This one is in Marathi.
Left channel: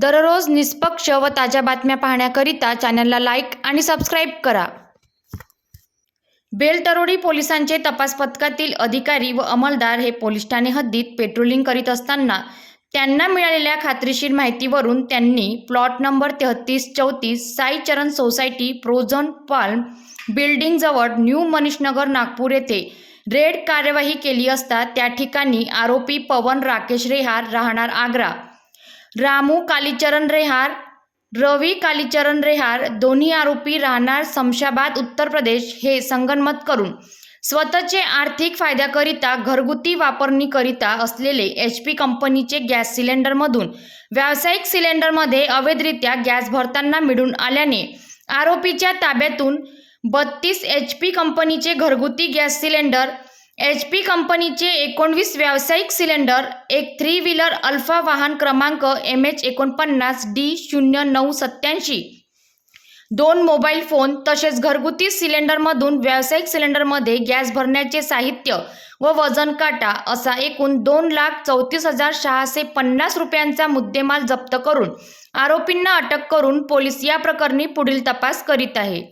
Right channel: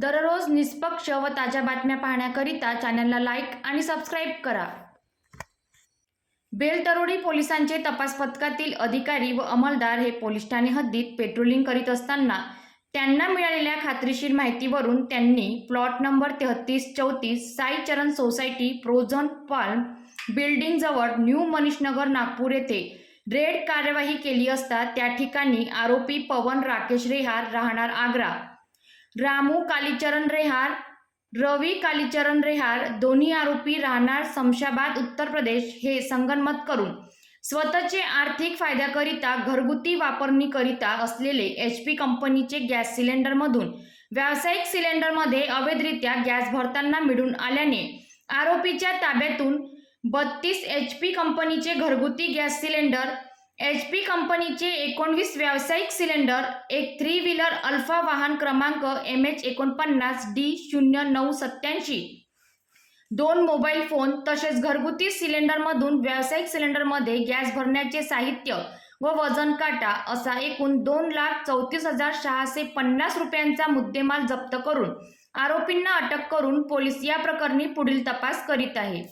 दररोज निष्पक्ष व ताज्या बातम्या पाहण्याकरिता चॅनलला लाईक आणि सबस्क्राईब करा. बेलतरोडी पोलिसांचे तपास पथकातील अधिकारी व अंमलदार हे पोलीस ठाणे हद्दीत पेट्रोलिंग करीत असताना त्यांना मिळालेल्या खात्रीशीर माहितीवरून त्यांनी प्लॉट नंबर तेहतीस चौतीस साई चरण सोसायटी प्रोझन पाल्म बिल्डिंगजवळ न्यू मनीषनगर नागपूर येथे रेड कार्यवाही केली असता त्या ठिकाणी आरोपी पवन राकेश रेहार राहणार आग्रा. रामू कालीचरण रेहार रवी कालीचरण रेहार दोन्ही आरोपी राहणार समशाबाद उत्तर प्रदेश हे संगनमत करून. स्वतःचे आर्थिक फायद्याकरिता घरगुती वापरणीकरिता असलेले एच पी कंपनीचे गॅस सिलेंडरमधून व्यावसायिक सिलेंडरमध्ये अवैधरित्या गॅस भरताना मिळून आल्याने आरोपीच्या ताब्यातून बत्तीस एच पी कंपनीचे घरगुती गॅस सिलेंडर एच पी कंपनीचे एकोणवीस व्यावसायिक सिलेंडर एक थ्री व्हीलर अल्फा वाहन क्रमांक एम एच एकोणपन्नास डी शून्य नऊ सत्याऐंशी दोन मोबाईल फोन तसेच घरगुती सिलेंडरमधून व्यावसायिक सिलेंडरमध्ये गॅस भरण्याचे साहित्य व वजन काटा असा एकूण दोन लाख चौतीस हजार सहाशे पन्नास रुपयांचा मुद्देमाल जप्त करून आरोपींना अटक करून पोलीस या प्रकरणी पुढील तपास करीत आहे.